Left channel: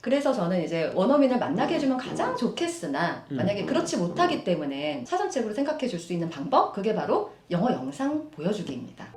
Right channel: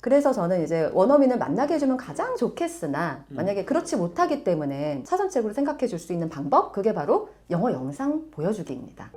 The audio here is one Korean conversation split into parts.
그래서 저는 이제 원어민을 만나게 해주면 가장 좋겠으나 음. 만약에 그렇지 못하기 때문에 사전책으로 생각해 줄 수 있는 방법 그게 바로 영어 영상 보여주기입니다.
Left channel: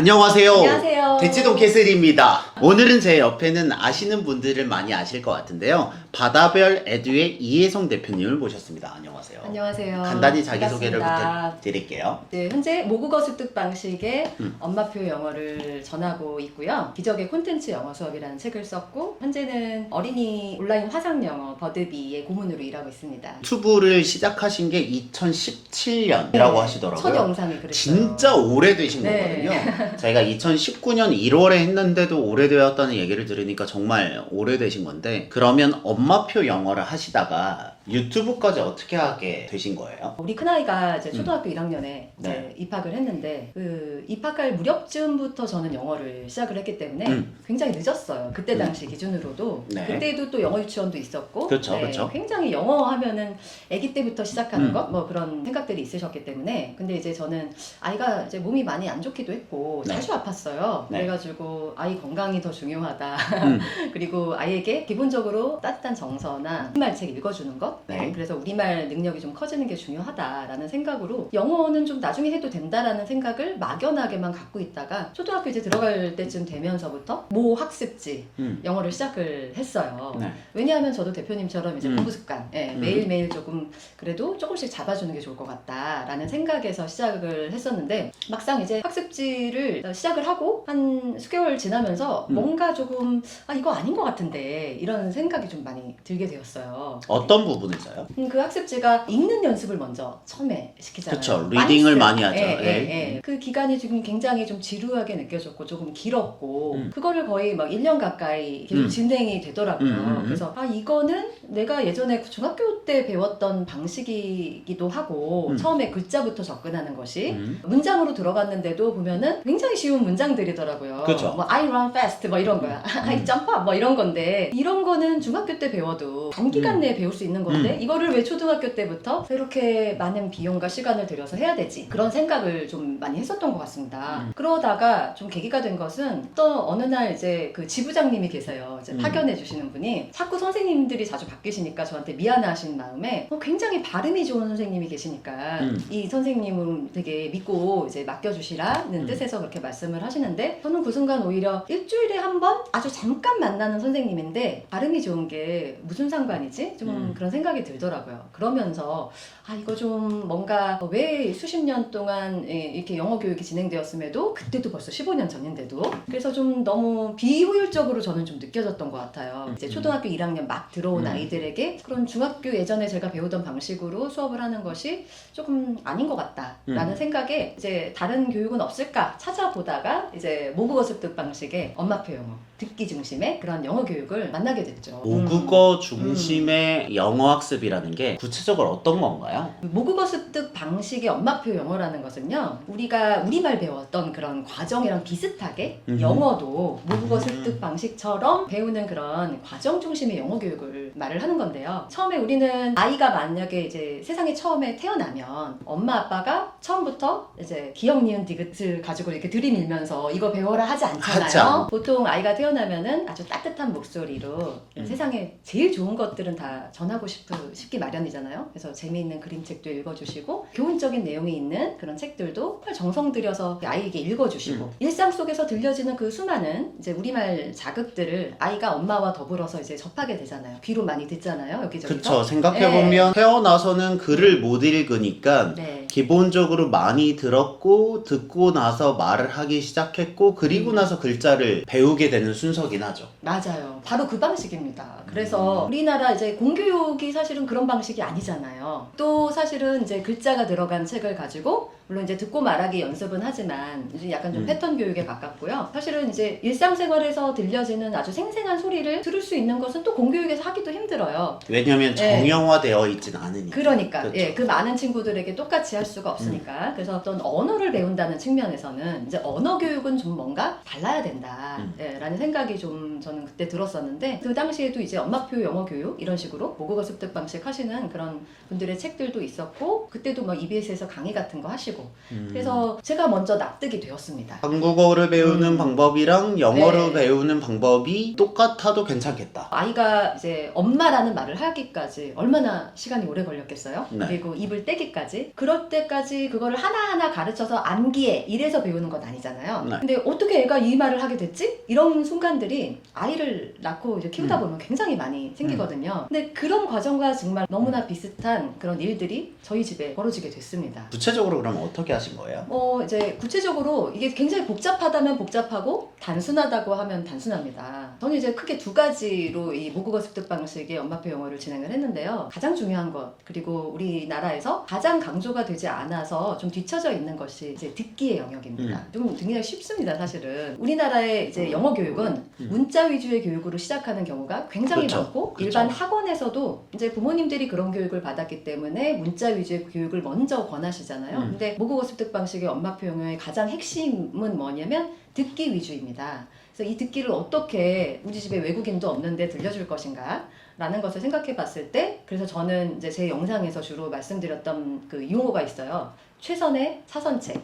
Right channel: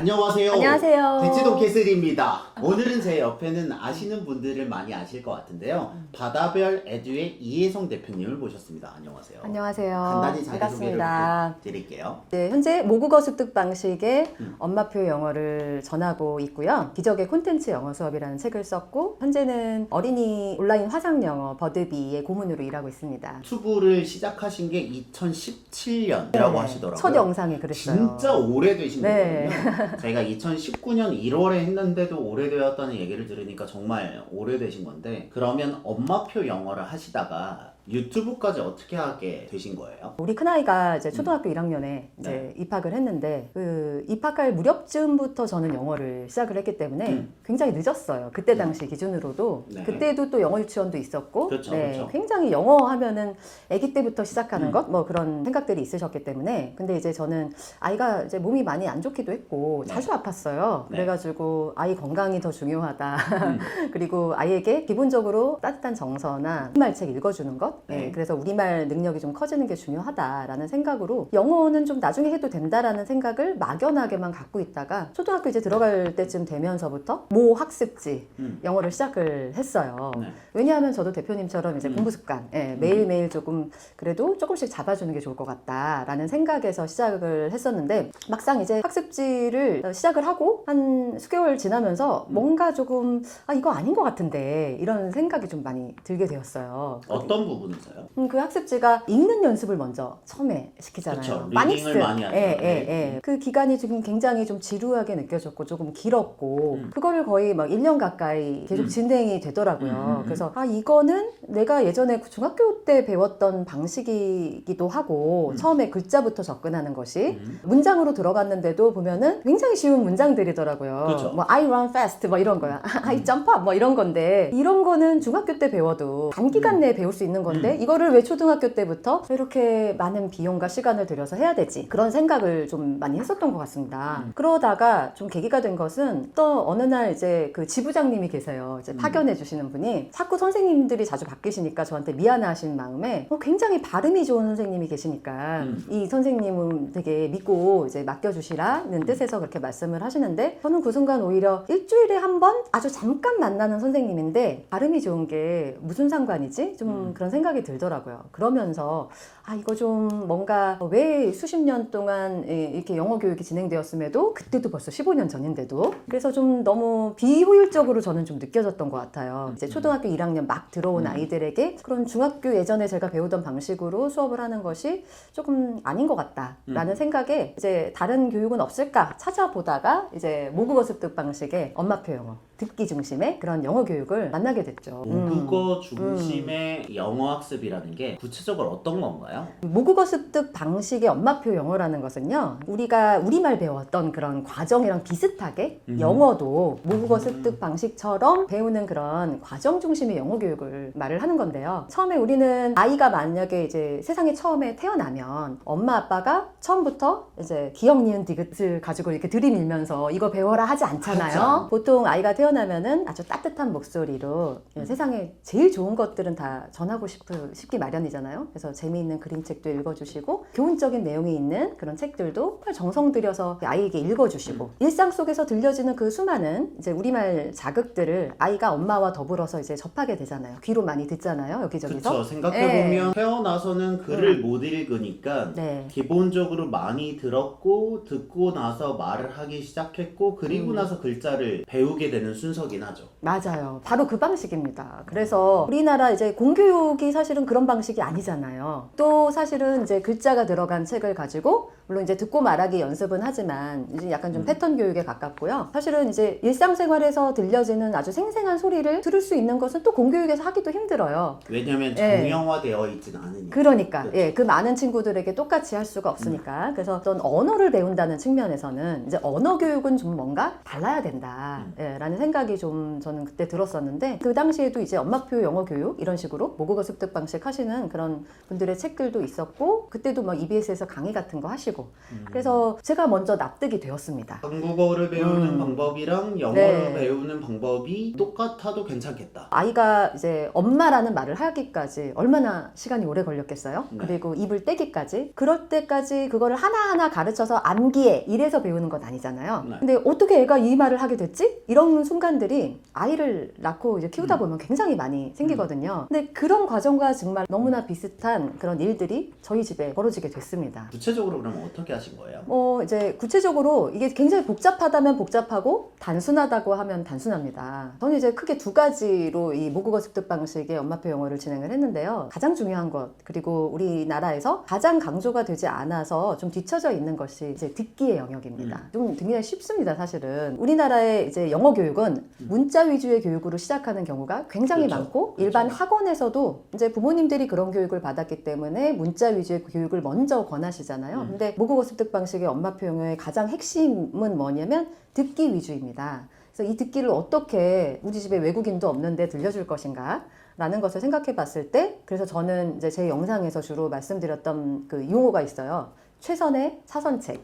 안녕하세요. 안녕하세요. 대치동 캐슬입니다. 오늘은 제 옆에는 아시는 분들은 많이 아실 것 같은데요. 바다별 에듀의 이혜성 대표님을 모셨습니다. 안녕하세요. 안녕하세요. 간단히 자기소개를 반갑습니다. 부탁드릴게요. 네, 현재 모국어 습득 방식의 음. 엄마표 영어를 전하고 있고요. 기적의 콘텐츠 영어 수업이라는 책을 썼고 현재는 어린이 온라인 화상 영어 버드비의 고문으로 일하고 있습니다. 유튜브를 시작하신 게 2017년이라고 네, 하시더라고요. 첫 영상이 그랬어요. 진짜 오래되신 네. 거거든요. 저희가 2019년 1월에 했는데도 오래되었다는 얘기를 들으니까 정말 오래되신 건데 그러면 엄마표 영어를 하시다가 유튜브까지 어떻게 하게 되신 거예요? 우리 큰아이가 이제 초등학교 1학년에 이제 음. 네. 입학을 했는데 그 입학할 무렵쯤부터 저는 영어를 시작을 했기 때문에 음. 굉장히 늦었어요. 그때 음. 당시 기준으로도 네. 그때도 또 영어 유치원도 있었고 그렇죠, 네, 그렇죠. 굉장히 영어 하면은 아기 때부터 시작하는 음. 것 뭐 그런 생각들이 있으셨기 때문에 근데 이제 저는 아이가 이제 몸이 많이 안 좋기도 했고 네. 자주 아팠어요. 네. 그래가지고 아이 건강이 더 중요하다. 음. 그리고 아이에게 기본적으로 따뜻한 정서나 우리말 책 읽어주는 것 네. 그래서 우리말 능력이 좀 커지는 게 중요하다라는 생각으로 영어는 좀 나중에 해도 된다라는 생각을 막연하게만 갖고 있다가 초등학교 이제 들어갈 때쯤 되면서부터 모 학습지 음. 영어를 시작을 했어요. 네. 왜냐하면 저도 대표님처럼 이제 음. 공부 습관 예, 음. 매일매일 조금 그래도 조금씩 잡아주는 게 좋을 것 같다라는 생각에서 시작을 했었는데 막상 이제 학습지를 어, 시작을 하고 한 수개월 지나면서 음. 뭔가 조금 아 이거 아닌 것 같은데 이런 생각이 좀 많이 들게 되었어요. 어떤 부분 에서요? 음, 그 학습지가 읽는 연습을 먼저 처음에 시키잖아요. 그쵸, 리딩을 쓰- 많이 하죠. 예, 예, 네. 예. 그 기간이 지금 굉장히 좀 지루하게 느껴졌고 조금 길었고 음. 그거를 거의 막 1년 가까이 계속 음. 진행이 되더라고요. 음, 음, 음. 그래서 아 이거는 내가 예전에 그 중학교 때 배웠던 방식이기도 하고 음. 처음에 글자부터 접근하는 것이 음. 문장으로 들어갔는데도 보면은 굉장히 쉬운 문장들이더라고요. 그쵸. 뭐 I run fast 뭐 이런 거야. I 음. jump up 뭐 이런 건데 이런 거는 중학교 때 배워도 단기간 음. 내에 배울 수 있는 건데 이거를 왜 초등학교 때부터 이렇게 많은 비용과 시간을 들여서 해야 되지? 그런 생각을 좀 많이 했었던 것 같습니다. 음. 그러다가 좀 계기가 된 것은 또 어느 날 이제 그 지부장님이 계세요. 이제 음. 파견해 주시는 분이 자꾸 선생님들이 자주 바뀌시니까 저한테 미안해하시는 마음에 어, 굉장히 발음이 좋은 선생님이 계시니까 음. 이 선생님은 되게 믿고 이제 맡겨주시라는 음. 뜻에서 그렇게 말씀을 하시는데 저는 그 순간 오히려 일주일에 한 번 아주 잠깐 만나는 선생님인데 발음이 좋은 게 무슨 상관이지? 좀 음. 그런 생각 이 들더라고요. 그러면서 아 이거 좀 뭔가 왜 수십 년 동안 예, 이렇게 영어 교육이 진행되었음에도 그때도 벌써 15년 전인데도 그래서 좀 너무 비효율적으로 저는 좀 느껴졌던 것 같아요. 이제 음. 초등학교 1학년 막 들어온 음. 아이들에게 그런 중학교 예전에 제가 배우던 방식으로 수업을 하는 것이 조금 아닌 것 같다라는 음. 생각에 이제 다른 교육은 없을까 찾아보다가 이제 모국어 습득 방식의 엄마표 영어 듣기 중심의 그런 영어 교육을 만나게 됐죠. 음. 모국어 중심의 영어 학습이라는 게 구체적으로 어떤 건가요? 모국어 습득 방식의 엄마표 영어라는 것은요, 우리가 우리말 배웠던 그런 과정이랑 비슷하게 음. 영어도 모국어 음. 습득 방식처럼 배우는 그런 과정 중심의 영어 교육을 말을 하는 건데요. 처음에 우리는 아이가 만약에 이제 세상에 처음에 태어나면 엄마 아빠가 처음부터 이제 기억, 니은, 디귿을 가지고 이렇게 들이밀면서 이거 배워라 하지 않잖아요. 하지 않- 보통 아이가 태어나면은 아주 따뜻한 목소리로 음. 세상에 제일 좋은 것들은 다 전하고 싶, 싶기 마련이잖아요. 그래서 재미있는 그림책도 읽어주시고 교훈적인 내용이 있는 그런 책들도 정말 정성 들여서 아이에게 읽어주시고 음. 일상 속에서 들려지는 그 수많은 이제 우리말 자극들을 아이가 엄마와 더불어서 이제 접하게 되잖아요. 귀로 많이 듣잖아요. 여기저기서. 그쵸 생각해보면 태어나서는 글을 못 읽으니까 네. 기본적으로 많이 들었고 듣고 나서 말을 하기 시작했고 그리고 음. 나서 글자를 배우게 되는 순서긴 하죠. 맞아요. 바로 그 방식입니다. 그래서 음. 우리나라 이제 공교육이 사실은 그런 방식이 아니잖아요. 또 사실은 이제 글자가 들어간 책을 가지고 물론 이제 듣고 말하기 연습은 하지만 이제 약간 좀 음. 패턴 교육에 가깝고요. 사실은 이제 일상생활에서 들려지는 아주 생생한 소리를 들을 수 있는 것은 또 공교육에서 하기도 힘들어요. 왜냐면 네. 정형화되어 있진 않으니까. 그러니까 그렇죠. 예, 그 많은 친구들에게 똑같이 할 수가 없으니까 그래서 어떤 언어를 배운다는 측면에서는 이제 언어 교육은 좀 뭔가 달라야 된다 음. 예, 라는 생각이 좀 저는 그때 들었었는데 그 당시에도 이제 엄마표 영어 교육 이런 식으로 모국어 습득 방식 하시는 그런 분들의 책들도 있었고 그때도 막 EBS에서 강의 같은 거 하시고 하시고 음. 그래서 제가 먼저 납득이 되었습니다. 한국어를 배우는 음. 방법이랑 영어를 네. 배우는 방법이 똑같아도 괜찮겠다. 아이가 이제 엄마라는 말을 하기까지 얼마나 시간이 오래 걸렸겠어요? 네. 그리고 입을 떼기까지 그럴 때까지 그거를 하나하나 가르쳐서 암기해 이래서 배우는 건 아니잖아요. 네. 근데 어떻게 애가 이 말을 하게 됐지? 이런 순간들이 아이를 낳고 이제 키우다 음. 보면 굉장히 많이 생기거든요. 근데 그런 과정과 정말 너무나 음. 비슷한 그런 일들이 저희 집에 벌어지게 됐습니다. 구체적으로 그럼 어떻게 하신 거예요? 어 이제 구체적으로 이게 굉장히 복잡하다면 복잡하고 단순하다고 하면 단순합니다. 저는 이제 크게 두 가지로 이 모국어 습득 방식의 엄마표 영어를 진행을 했는데요. 가장 중요한 것 그리고 우리나라에서 가장 강조가 되지 않아서 좀 뒤처져 있는 것이 이제 듣기의 영역입니다. 좀 굉장히 쉽습니다, 사실은. 우리나라의 이제 영어 교육은 음. 문자 위주의 교육으로 시작하는 경우가 굉장히 그렇죠. 많고 그렇죠. 일반 학원에서도 이제 부모님들이 그런 교육을 받았기 때문에 문자 위주의 교육을 먼저 권하시잖아요. 음. 근데 모국어 습득 방식의 엄마표 영어의 가장 핵심은 뭐냐면 듣기 위주입니다. 그래서 이 듣기를 어떻게 우리 집에 외국인도 없는데 들려줄 것인가? 라는 것을 생각해 봤을 때 그래서 저는 이제 제 영상에서 주로 말씀드렸던 그 용어가 있어요. 최선의 사선책.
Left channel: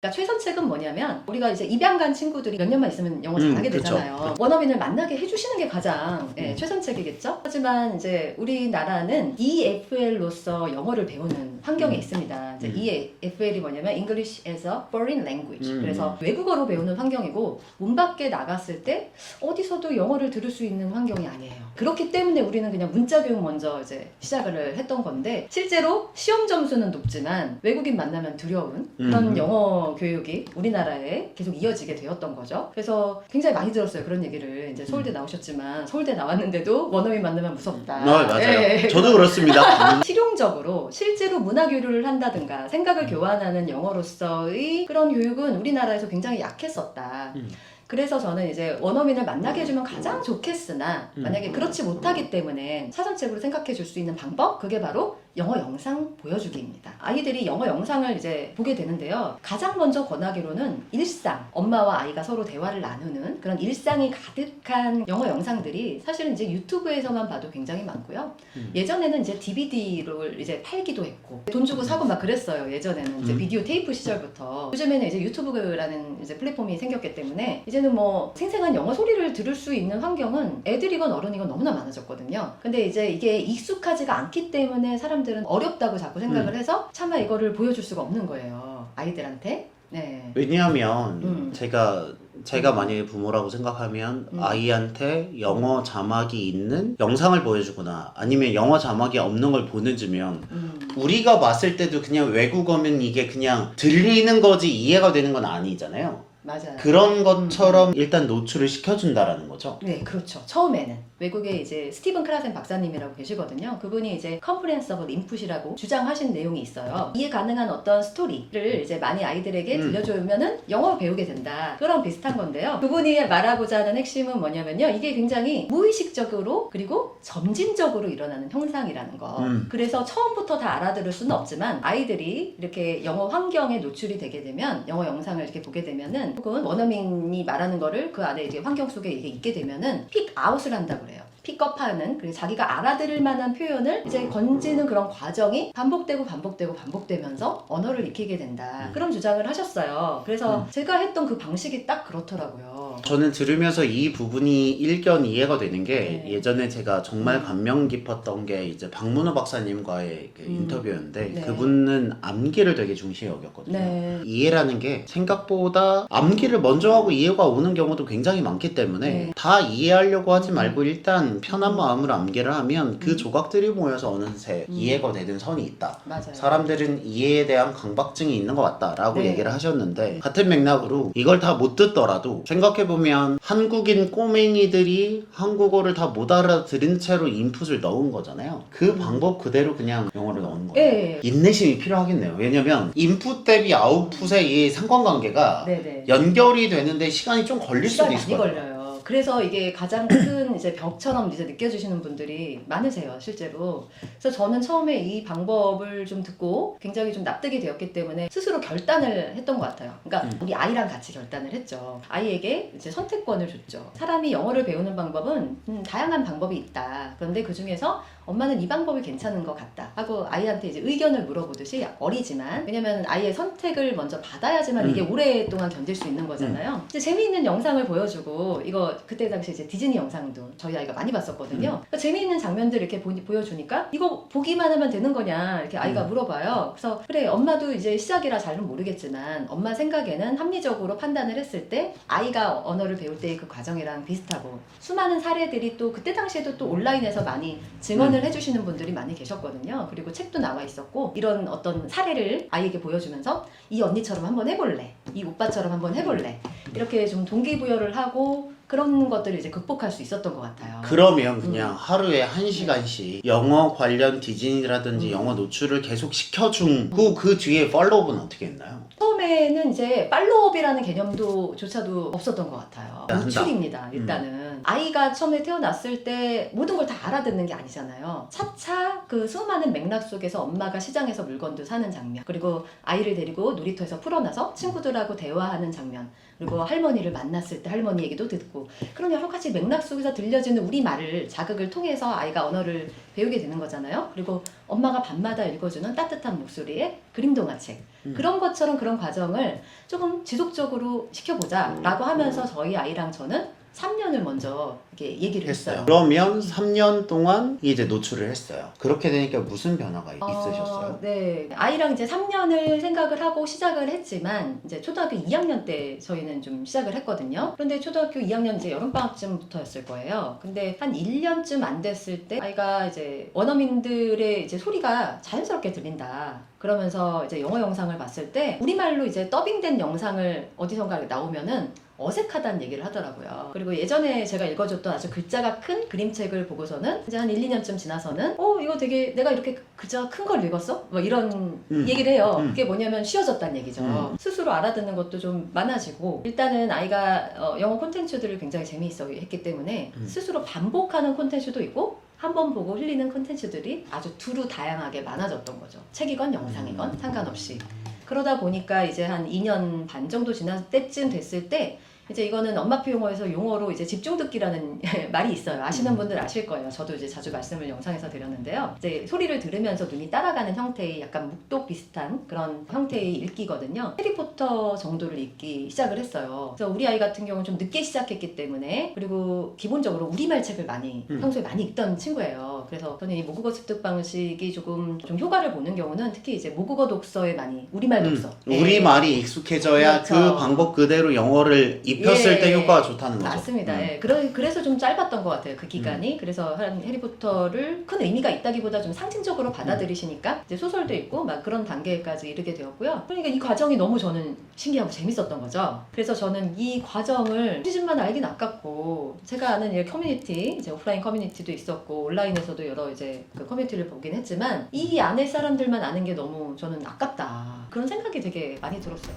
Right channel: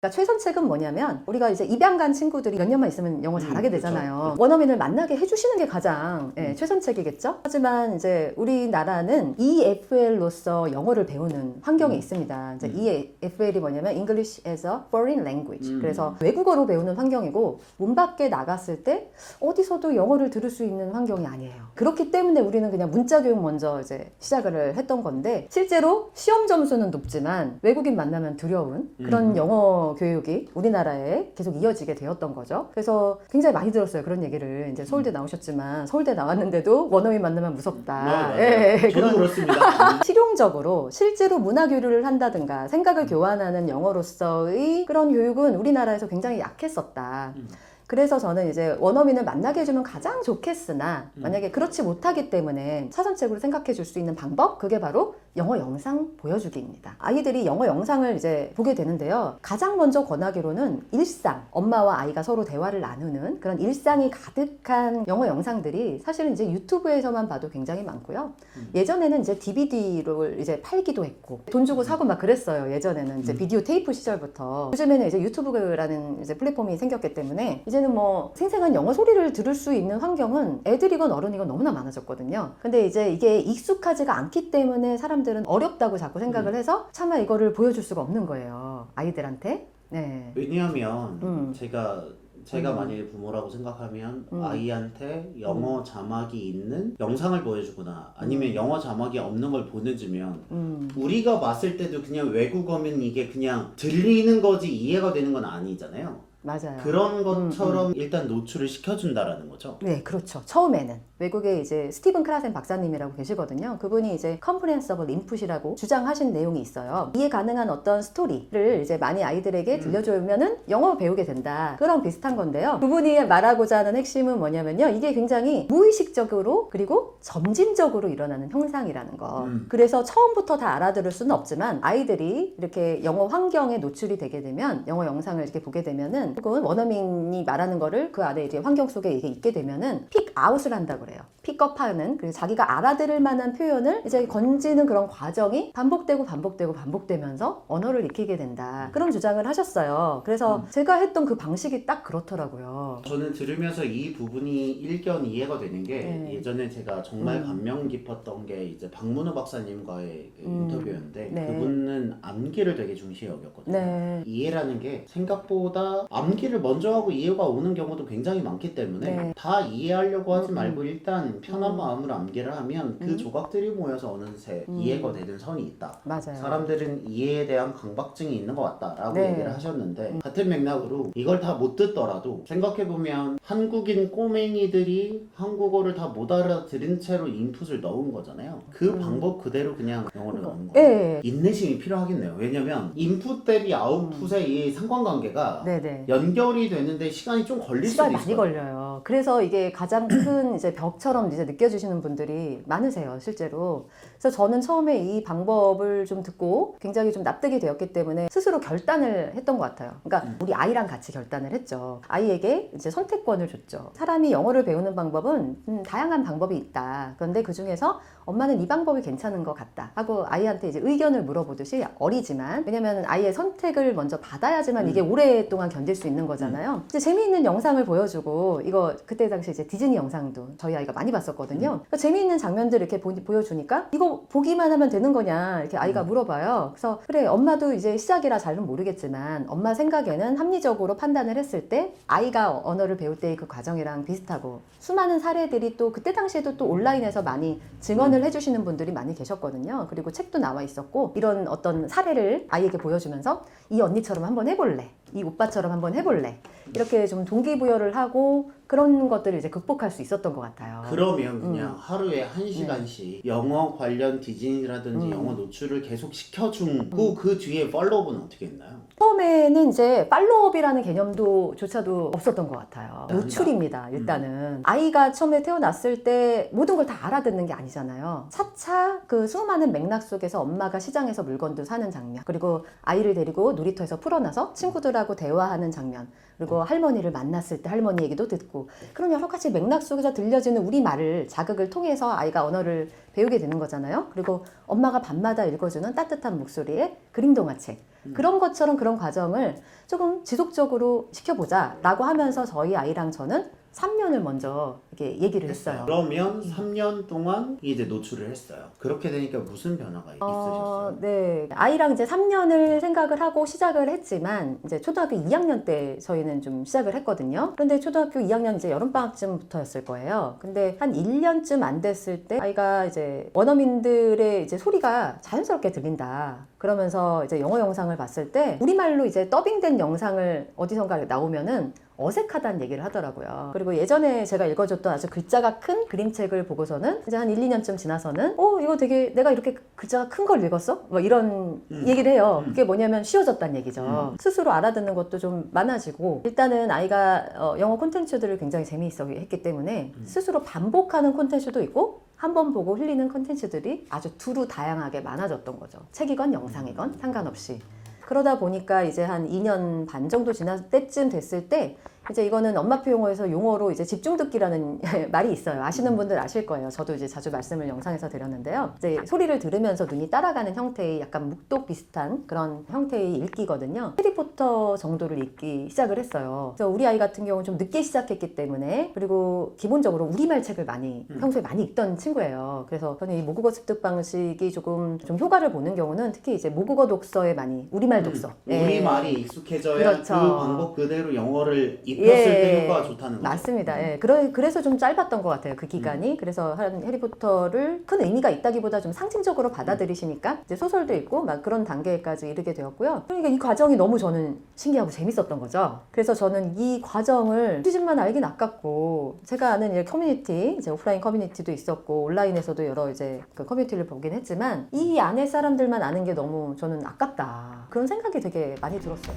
그러니까 최선책은 뭐냐면 우리가 이제 입양 간 친구들이 몇 년만 있으면 영어 음, 잘하게 그쵸. 되잖아요. 원어민을 만나게 해주시는 게 가장 예, 음. 최선책이겠죠. 하지만 이제 우리나라는 EFL로서 영어를 배우는 환경에 음. 있습니다. 이제 음. EFL이 뭐냐면 English as a Foreign Language. 음. 그래서 외국어로 배우는 환경이고 문 밖에 나갔을 때 어디서도 영어를 들을 수 있는 환경이 아니에요. 그렇기 때문에 우리는 그냥 문자 교육 먼저 이제 시작을 했던 건데 실제로 시험 점수는 높지만 외국인 만나면 두려운 그런 음. 영어 교육이 우리나라에 계속 이어지게 되었던 거죠. 그래서 굉장히 많이 들었어요. 그런 얘기를 이제 서울대 나오셨지만 서울대 나왔는데도 원어민 만나면 무섭다. 네, 맞아요. 예. 저도 그렇습니다. 실용적으로 실제로 문화 교류를 한다든가 생각을 교환하는 영어로서의 그런 교육은 우리나라에서 굉장히 약했었다. 음. 그래서 저는 이제 원어민을 만나게 해주면 가장 좋겠으나 음. 만약에 그렇지 못하기 때문에 사전책으로 생각해 줄 수 있는 방법 그게 바로 영어 영상 보여주기입니다. 아이들이 영어 영상을 이제 보게 되는데요. 가장 먼저 권하기로는 일상, 엄마와 아이가 서로 대화를 나누는 그런 일상이 가득한 영어 영상들이 사실은 이제 유튜브에서만 봐도 굉장히 많고요. 음. 예전에는 이제 DVD를 이제 팔기도 했고 돈 주고 사고 막 그랬어요. 예전에는 이제 음. 비디오 테이프 시절부터 요즘에는 이제 유튜브라는 이제 플랫폼이 생겼기 때문에 이제는 뭐 생생한 영어 소리를 들을 수 있는 환경은 애들이건 어른이건 너무나 많아졌거든요. 근데 이제 이게 익숙하지가 않기 때문에 사람 들은 어렵다고 자꾸 생각을 해서 차마 이거를 보여줄 수가 없는 거예요. 아이들한테. 네. 왜냐하면 음. 제가 제가 음. 만약에 부모라고 생각하면 음. 아이한테 영어 자막이 있는 영상을 보여주거나 아니면 영어 자막이 없는 걸 보내주면 음. 우리가 봤을 때도 그냥 외국어면 이게 그냥 들리는 거지 이해가 되는 건 아니잖아요. 맞아요. 그런 것처럼 일단 노출을 시켜준다라는 거죠. 네, 그렇죠. 처음에는 외국에 이제 스티븐 크라센 박사님이라고 계시거든요. 그분이 이제 컴프렌서블 인풋이라고 주장하신 내용이 있어요. 이해 가능한 어떤 스토리를 이제 많이 아이들에게 음. 들려주면은 영어 배우게 된다. 그런 비슷한 건데요. 그분이 말하고자 하는 핵심은 뭐냐면요. 이게 굉장히 무의식적으로 그리고 점진적으로 일어나는 현상이라는 거. 음. 그래서 처음부터 다 알아들을 수는 없지만 아이들이 이렇게 영어 환경에 노출이 되게 되면 영어 영상을 이렇게 보게 되면은 혹은 원어민이 말하는 거를 그 안에 이제 환경 속에 이게 있게 되면은 픽 아웃을 한다 그래요. 픽업하는 그래서 자기가 알아들을 만한 표현을 이제 건지는 그런 과정이 반복되고 반복되고 반복되면서 언어를 익히게 된다. 음. 그런 주장을 하셨어요. 그래서 음. 제가 했던 그 방식이 딱 그렇더라고요. 저는 들으면서 이 부분이 일견 이해가 되는 게 네. 예전에 제가 정말 음. 감명 깊었던 게 이제 박문호 박사님과의 그 음. 인터뷰였는데 네. 그분은 암기를 되게 중시해 여겼거든요. 네. 이해라는 게 생각보다 암기를 먼저 하고 이해가 오는 경우도 굉장히 많기 때문에 네. 다 이해하려고 하지 음. 말고 일단 편한 음. 마음으로 암기를 하면 그 음. 조각들이 모여서 어느새 음. 이해가 되는 선이 있다. 맞아요. 사람들은 이해에 대한 강박증이 있는 것 같다라고 네. 얘기를 하셨는데 음. 같은 맥락으로 이걸 다 못 듣더라도 생각해보면 한국인 꼬맹이들이 한국어를 다 못 알아들은 채로 인풋을 넣은 거잖아요 그 음. 방법 그대로 그냥 영어를 넣는 거예요 예. 인내심이 필요하겠네요 왜냐면 인풋 대비 아웃풋의 이 상관관계가 네네. 연결이 되는데 시간이 좀 걸릴 수도 시간이 있을 많이 거예요 걸려요. 그래서 이게 가장 큰 이제 벽처럼 이제 느껴지시는 분들이 많으세요, 실제로. 그래서 저는 처음에 이 방법을 좀 듣고 굉장히 좀 납득이 되었기 때문에 스스로 결단을 했던 것 같아요. 그러니까 음. 우리 아이랑 같이 결단을 했죠. 아이에게 이제 선택권을 줬죠. 사람이 영어를 배우는 방법은 음, 다양한 방법이 있다. 그런데 그 중에서 엄마는 이 방법이 괜찮은 것 같다 하고 아이한테 이제 의견을 물어보듯이 어리지만 왜냐면 아이의 선택을 먼저 받아야지만 이게 오랫동안 견딜 수 있는 거잖아요. 이제 재미있는 영상을 보여주고 이거 그때 당시 이제 디즈니 영상도 저희 아이가 많이 봤었거든요. 그러니까 재미있는 장면들 이렇게 보, 보여주니까 이거 보기만 하면 되는 거냐 이렇게 아이가 음. 물어봐요. 그래서 그래 엄마도 이제 시작이라 잘은 모르겠지만 엄마 생각에는 합리적으로 판단을 했을 때 아이가 언어를 배울 때의 그 과정이랑 비슷하고 수많은 사례들이 또 그때 당시에도 또 온라인에서 많이 증언 을 해주시는 분들이 많이 계셨거든요. 그리고 책도 나와 있었고 이런 어떤 사례를 아이에게 보여주면서 이 언니처럼 한번 해볼래, 이 오빠처럼 한번 해볼래 이렇게 좀 동기부여를 하고 그런 것들을 이제 극복할 수 있었던 것 같아요. 그러면 그냥 하루에 한 시간씩 영어 관련 디즈니라든지 음. 영어 노출을 계속 시켜주고 그 뒤에 팔로우는 어떻게 했나요? 처음에는 이제 팔로업이라는 개념도 조차도 없었던 것 같아요. 한다. 노출입니다. 일단은 아이가 처음에 태어났을 때 모든 걸 다 알아듣는 게 아니잖아요. 차차 그 수많은 맥락 속에서 엄마가 시장에서 물건도 사는 장면, 그리고 아이를 데리고 놀이터에서 풀어놔서 친구들하고 대화하는 장면, 그리고 할머니를 만났을 때 할머니 얘기도 듣고 그런 여러 가지 맥락 속에서 들려지는 우리 말을 자극을 통해서 아이가 언어를 배우게 되는 거잖아요. 그리고 엄마가 밤마다 읽어주는 따뜻한 목소리의 그림 동화책 음. 그런 것처럼 그런 과정을 조금 지속적으로 시켜보자라고 하면서 저희 아이랑 저는 3년을 먼저 이렇게 얘기를 했어요. 했어요. 그러면 3년 동안 이제 노출을 했어요. 그렇게 되니까 무슨 변화가 있으셨어요? 어, 네. 아이랑 이제 3년을 생각을 하고 시작을 했지만 이제 초등학교 2학년 때 저희는 좀 시작을 했거든요. 그런데 초등학교 2학년 이제 여름방학쯤부터였을 거예요. 근데 한 1년쯤 안 됐을 때 아이가 이제 원어민들의 이제 소리가 자연스럽게 들린다. 그러면서 이제 영어 영상을 봤을 때 우리말로 이제 더빙된 영상을 어디선가 나오면은 어색하다는 얘기를 하더라고요. 그리고 예전에 제가 읽어줬던 아주 글자가 큰 그림책을 보고서는 이제 한 1, 2년쯤 지나서는 어 이거 되게 내가 이렇게 글자가 큰 걸 읽었어? 뭐 이런 음. 얘기를 해요. 음. 그게 뭐냐면 쉬워졌다는 얘기죠. 음. 스스로 알아듣는 것도 좀 많아지고 일단은 아이가 어, 영어 콘텐츠들을 굉장히 재미있어 했기 때문에 음. 스스로 반복하는 콘텐츠도 있고 한번 보고 흘리는 콘텐츠들이 아주 두루 다양하게 많아졌던 거죠. 책이건 영상이건 상관없이. 그러다 보니까 이제 한 2년 반 정도 지난 때쯤 됐을 때 이제 이거는 엄마표 용어에서 용어로 이제 집중 듣기라는 말이 있어요. 아시는 분들 아실 거예요. 저도 이제 자주 말씀을 영상에서 드렸는데요. 이제 소리를 들으면서 눈이 따라가는 형태의 약간 묵독 비슷한 그런 형태의 읽기거든요. 해리포터 정도를 읽기 시작을 했어요. 그래서 우리 아이 같은 경우는 좀 늦게 시작했기 때문에 그리고 기본적으로 우리말 책을 많이 음. 평소에 많이 읽던 친구예요. 그래서 저는 이 모국어 습득 방식이 조금 좀 효과를 보는 경우는 특히 이제 모국어 독서에 많이 우리말 독서. 음, 우리 말이 익숙해져야 그렇죠. 그 방법 그대로 영어를 입 혔을 예. 때 효과가 좋다는 거죠. 맞습니다. 음. 예. 그래, 그래서 좀 짧았던 것 같아요. 그 기간이. 그래서 한 해리포터를 큰 의미가 있다기보다 좀 상징적으로 받아들이시니까 이제 소설도 읽고 막 그런 단계까지 이르게 되었고요. 그러니까 이 과정이 너무 저는 신기하고 재밌었던 거죠. 그래서 저는 이 과정을 시즌만 알긴 아깝고 제가 아는 이 커뮤니티, 이제 오프라인 커뮤니티도 있었고 온라인에서도 여러 이제 그 커뮤니티를 보긴 했지만 이 안에 사람들만 아는 게 너무 저는 아깝다. 그런 생각이 되게 많이 들었어요.